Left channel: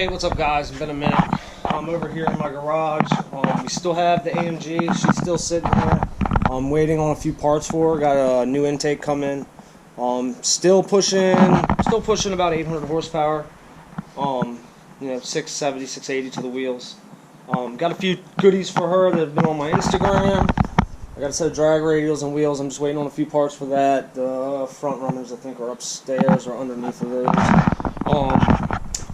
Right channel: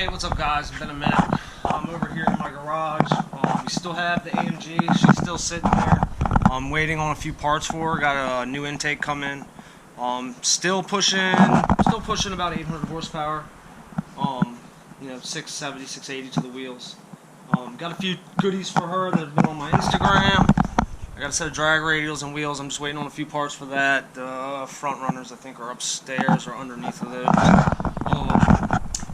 Hey, what's up guys? It's been a minute. I'm over here in my garage. We still have the AMG. She's still sitting here. I'm waiting on a few parts for her. Got a new intake coming. Still pushing about 800 horsepower. 670, 680 to the wheels. Got a few goodies for her that have been on my Instagram. I got a set of drag radials and wheels. I'm just waiting on a few parts for that. The front runners I think are upstairs or underneath of those.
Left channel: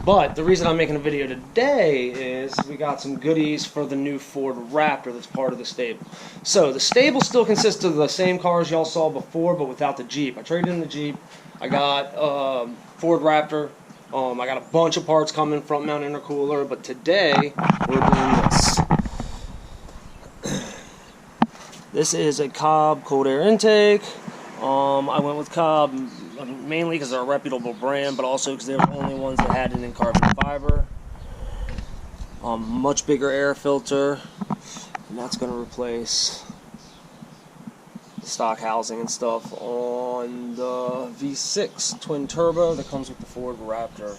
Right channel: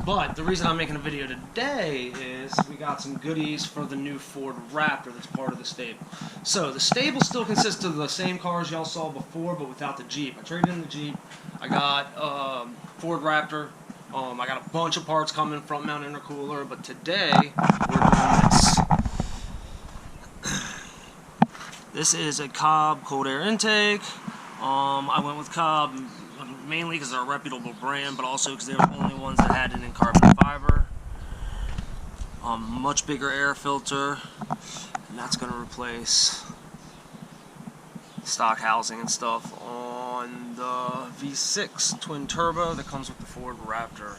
But the reason I'm making a video today is we got some goodies for the new Ford Raptor that's part of the stable. So the stable still consists of the same cars y'all saw before, but without the Jeep. I traded in the Jeep. I got Ford Raptor. I got a bunch of parts coming, front mount intercooler, but today we're doing this. This is a Cobb cold air intake. I went with Cobb mainly because they're a reputable brand, but also because they were the only ones that had it in carbon fiber. Much bigger air filter, and that's going to replace the stock housing and stuff on the V6 twin turbo that comes with the Ford Raptor.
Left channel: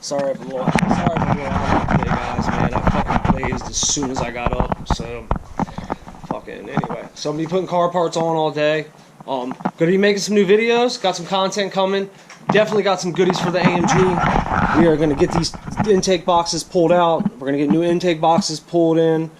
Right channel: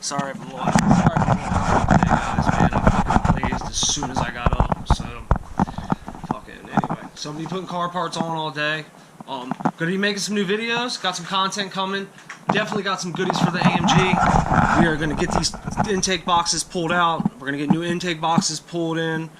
Sorry if I'm a little out today, guys. Man, I fucking blazed as soon as I got up. So, anyway. So I'm gonna be putting car parts on all day. Gonna be making some new videos. Got some content coming. Definitely got some goodies for the AMG. We are gonna get these intake boxes pulled out. We're gonna get new intake boxes put in.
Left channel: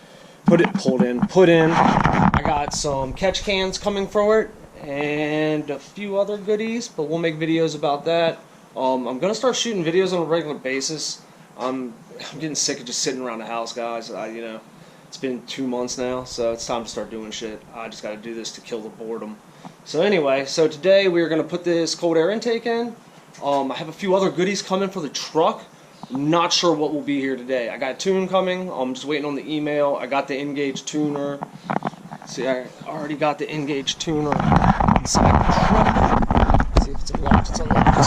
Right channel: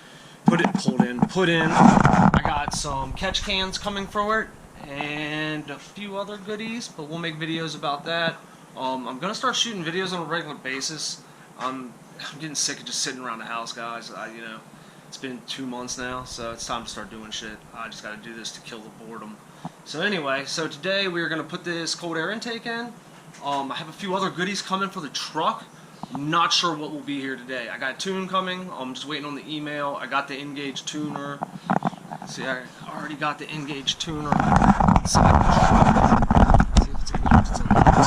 I got some catch cans coming for it and a few other goodies, but we'll make videos about that. I'm gonna start shooting videos on a regular basis. I'm getting sick of just sitting around the house, guys. It's been 2 months now, so it's time to start doing shit. I just got to do this to kill the boredom. So anyway, today we're going to put this cold air intake in. I have a few other goodies coming for the truck. I'm not sure what will be here today. I got a tune coming. I'm just waiting on the email. I got the Engage tuner. See, I already got the Engage tuner inside the truck. Let's see if it's unlocked. It's unlocked.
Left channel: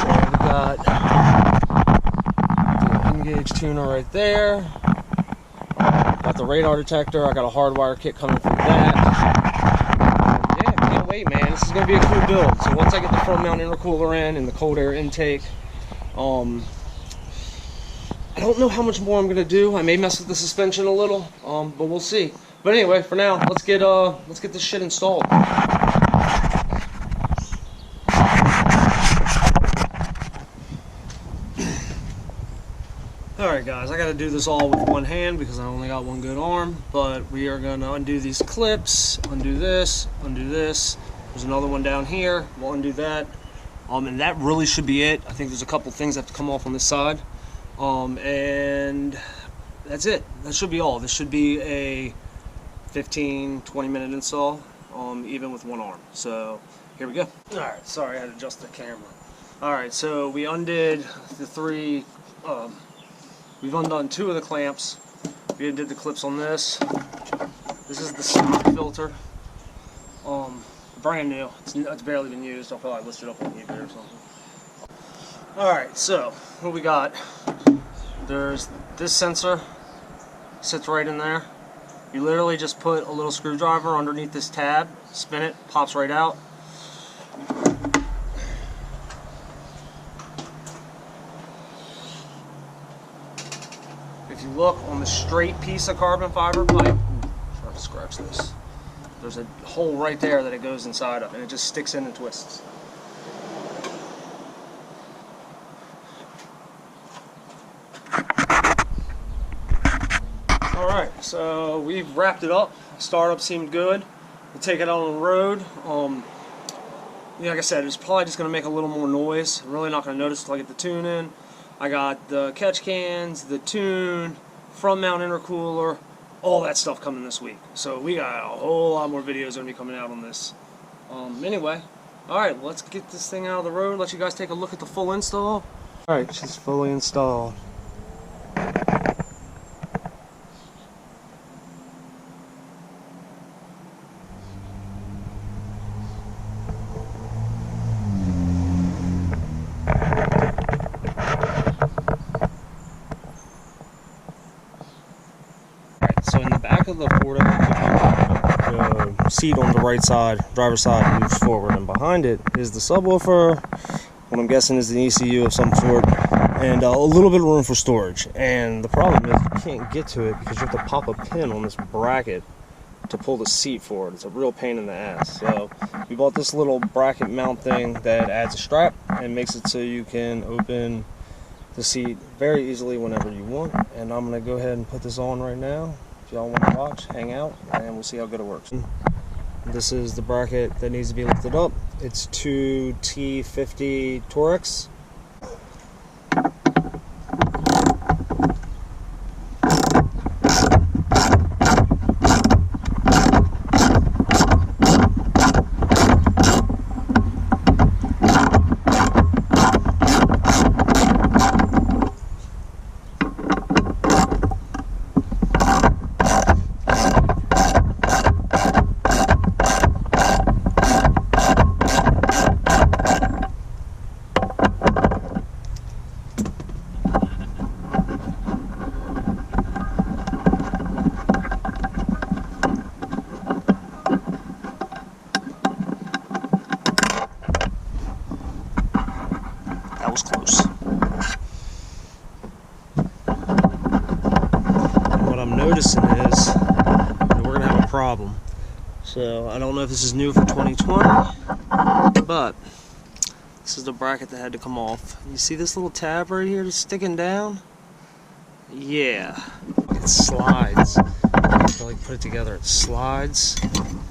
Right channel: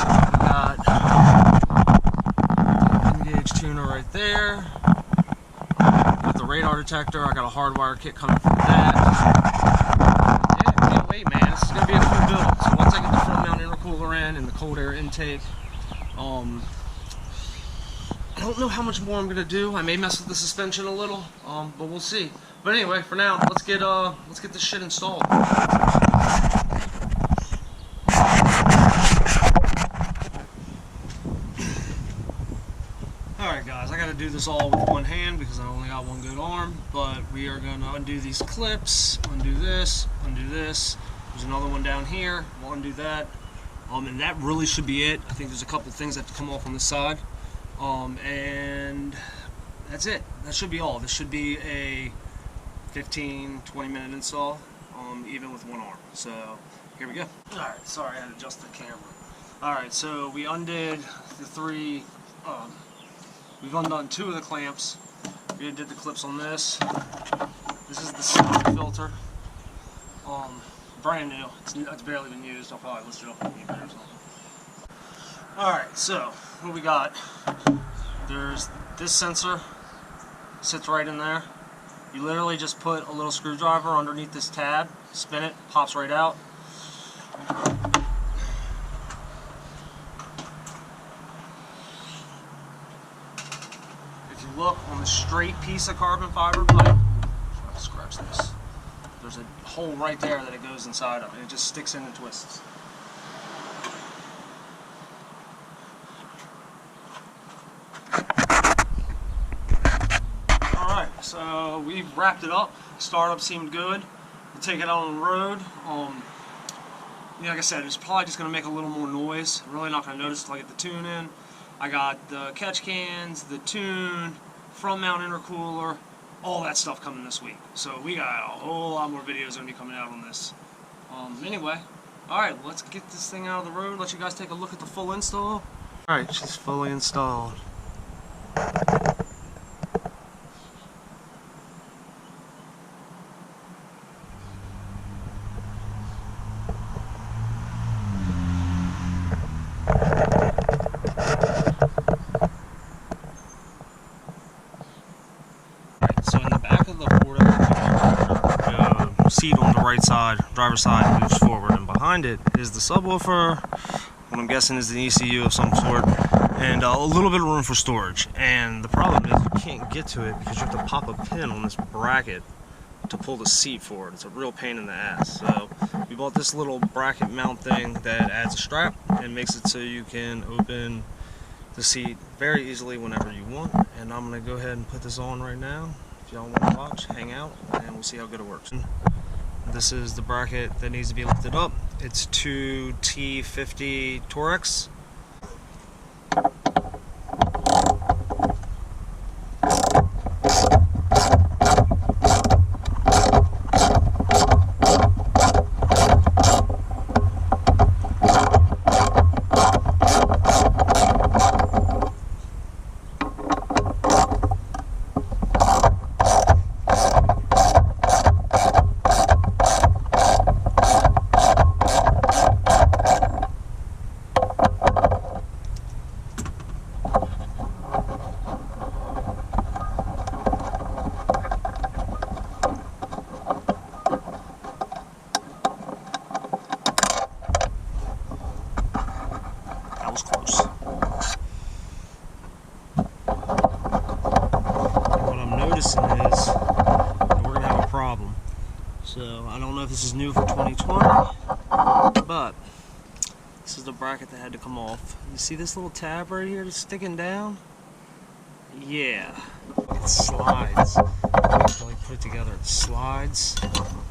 So we got the Engage tuner right there. Got the radar detector. I got a hardwire kit coming for that. Yeah, can't wait, man. This is going to be a cool build. So once I get the front mount intercooler in and the cold air intake, I don't know how much more I'm going to do. I may mess with the suspension a little, but we'll see. But anyway, for now, let's get this shit installed. Alright guys, I gotta do this all with one hand because I only got one good arm, but we are gonna undo these clips, undo this, there's another one down here, we'll undo that, and that really should be it. I think there's a couple things that have to come off on this side, and that's it. That should be all. This should be a 15-20 minute install, even with one arm. So here we go. Alright, sorry I had to adjust the camera. Alright, so we undid the three, we've undone 2 of the clamps. We did the clips on this. This is the stock filter. Brand new. It's barely been used. I'll probably list it up on eBay or something. Alright, so what we got? There's this sensor. Sits right in there. You literally just put a little screwdriver underneath this tab, spin it, pops right out. If you look on the straight piece of carbon fiber pipe, try to scratch this. There's a hole right there that it goes inside of, and it just sticks in and twists. Alright, so we've wrapped it up. Startup seemed good. We'll take it out on the road. Like I said, it's probably just going to make a little more noise. I'm really not going to notice until I get the tune in. I got the catch cans, the tune, front mount intercooler, all that stuff coming this week. So we got a whole lot more videos going to be coming out on this. Anyway, alright, let's get this thing out of the road, let you guys take a look at the full install. Alright, she's fully installed. So in the back of the Ford F-150, the seat on the right side, driver's side, moves forward, and behind it is the subwoofer. What I'm guessing is an ECU of some sort, and a little bit of room for storage. And the problem is you can't get to it because you have to pop a pin on this bracket to pull the seat forward. It's a real pain in the ass. So we bought this little bracket mount thing that adds a strap and makes it so you can open the seat very easily whenever you want. And I'm gonna go ahead and put this on right now. If y'all want to watch, hang out, and we'll see how good it works. This is the bracket that needs to be lifted up. It's 2 T50 Torex. Was close. What I'm noticing is that we're gonna have a problem. So I don't know if this is new for 2020, but this is the bracket that had to come off. You see this little tab right here that's sticking down? Yeah, it slides. To like put it together, it slides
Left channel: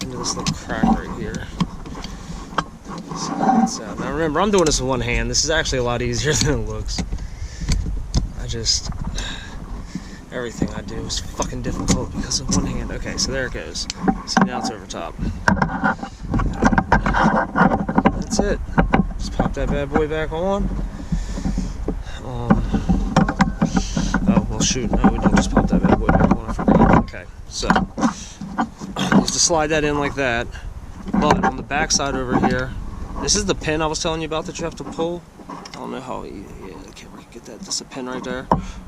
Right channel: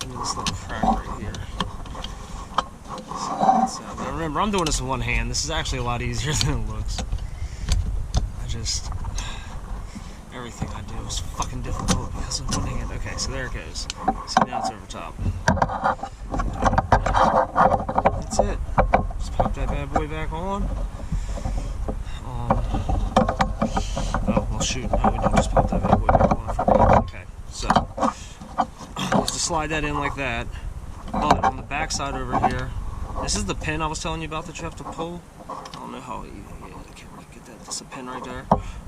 into this little crack right here. So, now remember, I'm doing this with one hand. This is actually a lot easier than it looks. Everything I do is fucking difficult because of one hand. Okay, so there it goes. See, now it's over top. That's it. Just pop that bad boy back on. Oh, well shoot, no, we don't just pop that bad boy back on. I forgot. Okay, so, just to slide that in like that. But on the back side over here, this is the pin I was telling you about that you have to pull. I don't know how, yeah, okay, we can get that. That's a pin right there.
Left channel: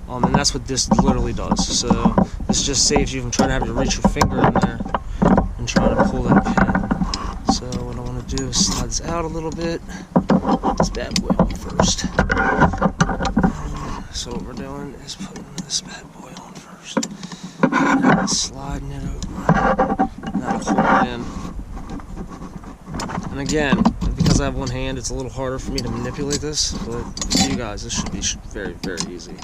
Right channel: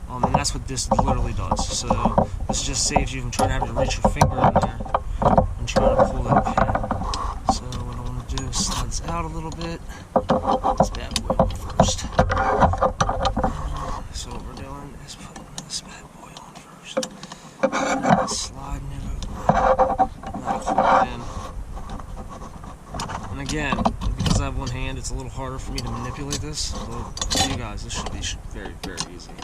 And that's what this literally does. So this just saves you from trying to have to reach your finger in there and trying to pull that pin. So what I want to do is slide this out a little bit. Put this bad boy on first. So what we're doing is putting this bad boy on first. And sliding it over. That'll hold it in. And again, because I have one hand, it's a little harder for me to manipulate this, but for you guys, this should be very, very easy.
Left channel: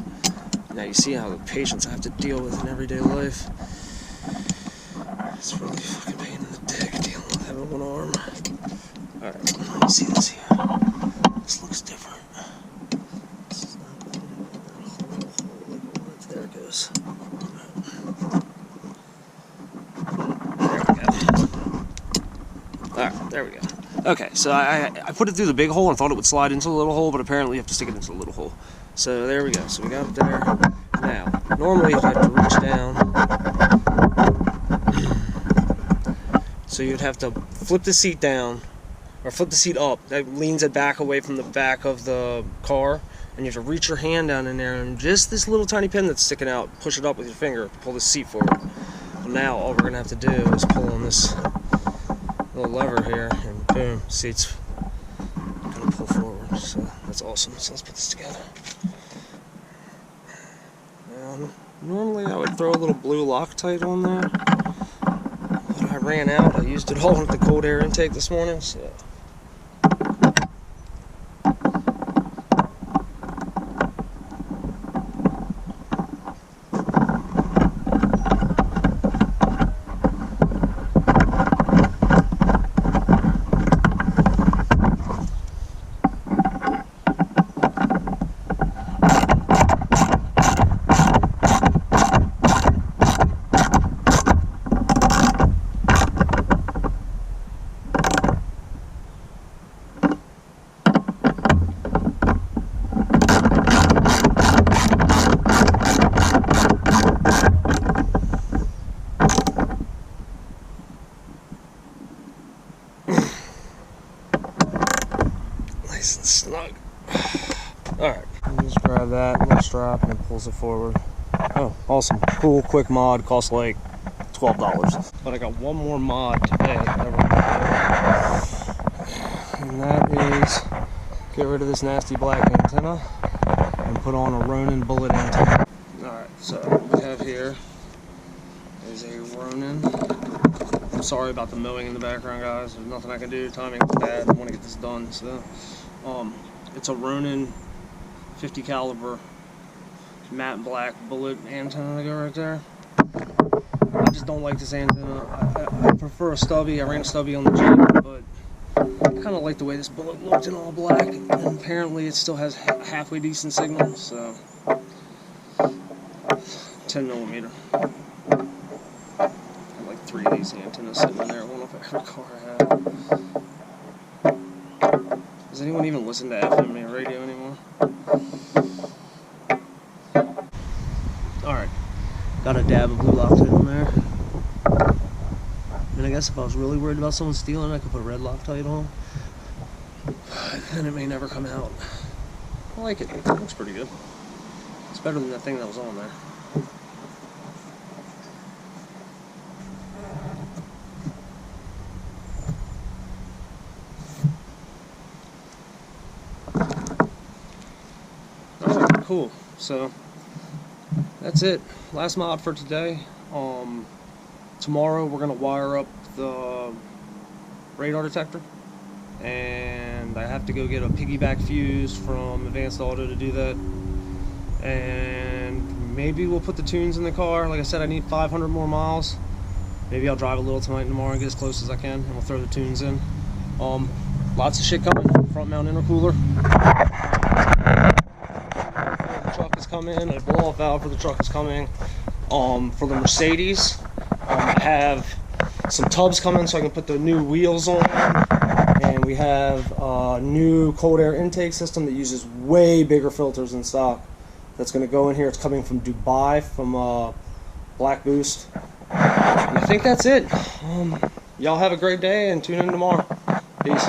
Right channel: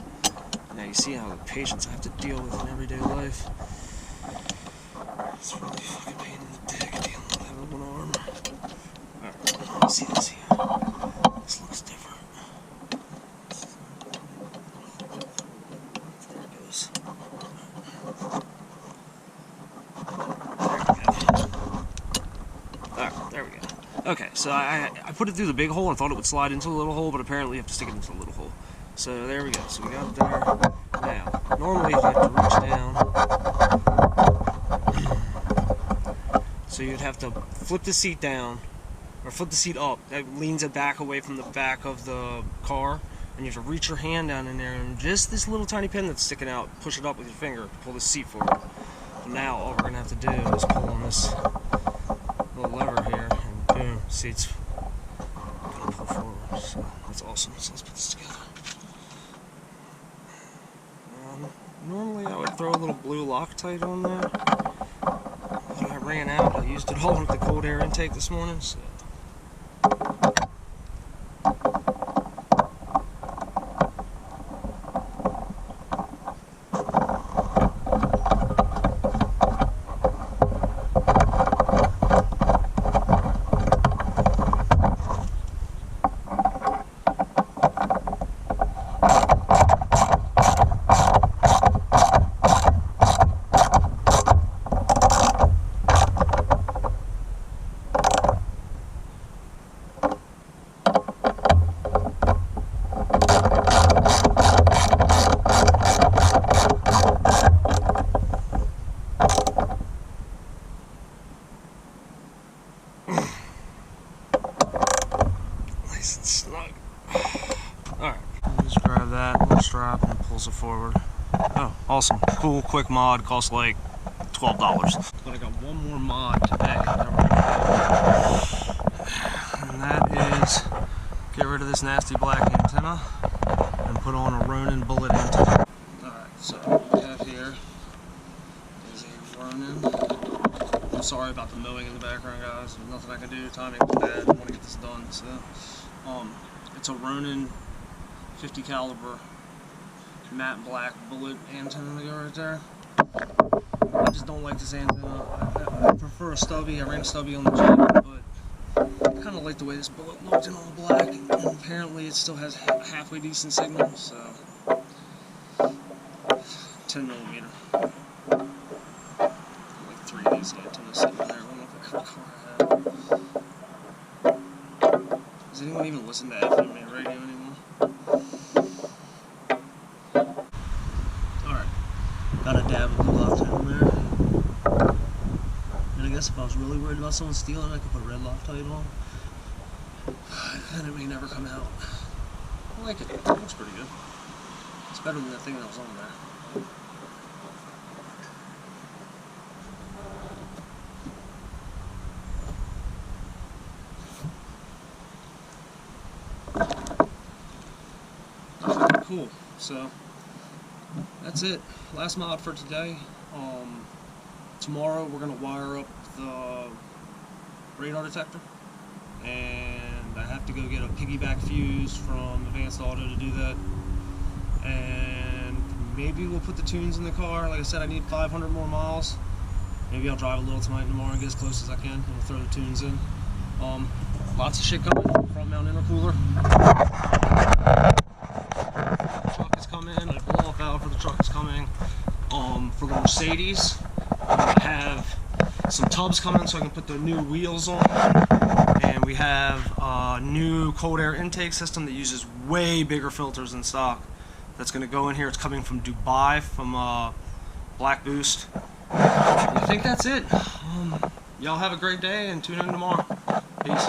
Now you see how the patience I have to deal with in everyday life. It's really a fucking pain in the dick dealing with having one arm. Alright, let me see this here. This looks different. There it goes. There we go. Alright, there we go. Okay, so I put it through the big hole and thought it would slide into the little hole, but apparently you have to stick it into the little hole. So there we go. So we got it there. Now, normally you'll have to reach down. So you'd have to flip the seat down, or flip the seat up. That leans it back away from the back of the car, and you have to reach your hand down in there, and just this little tiny pin that's sticking out, push it up with your finger to pull the seat forward. Well, now all we're going to have to do is pull on this little lever here, and boom, seat's gonna pull forward. So that's awesome. So let's put this together. Now, normally I would throw a little blue Loctite on there, but I ran out. I used it all with the cold air intake this morning, so. Nice and snug. Alright, just grab that little strap and it pulls it forward. Oh, awesome. Cool, quick mod. Costs like $12. But I got one more mod today that we're going to do. And that is get rid of this nasty black antenna. and put on a Ronin bullet antenna. Alright, so what we have here is a Ronin. I'm sorry about the mowing in the background, guys. There's nothing I can do. Timing's bad. I want to get this done. So, it's a Ronin 50 caliber matte black bullet antenna to go right there. I just don't like this antenna. I prefer a stubby. I ran a stubby on the Jeep, but I kind of like the way this bullet looked in all black, and apparently it still has halfway decent signal, so 10 millimeter. I like 3 of these antennas sitting in there, one off every car I have. Does anyone even listen to FM radio anymore? Alright, got a dab of blue Loctite on there. And I guess if I was really worried about someone stealing, I could put red Loctite on. But then it may never come out. I like it. It looks pretty good. It's better than that thing that was on there. Alright, cool. So, that's it. Last mod for today. Tomorrow we're going to wire up the radar detector, and I have to go get a piggyback fuse from Advanced Auto to do that, and maybe we'll put the tunes in the car. Like I said, I need 500 more miles. Maybe I'll drive a little tonight and tomorrow and get as close as I can, and we'll throw the tunes in. Lots of shit coming. Front mount intercooler. The truck is coming. A blow off valve for the truck is coming. For the Mercedes, I have some tubs coming so I can put the new wheels on, and we have a new cold air intake system that uses way bigger filters than stock. That's going to go in here. It's coming from Dubai, from Black Boost. And I think that's it. Y'all have a great day and tune in tomorrow. Peace.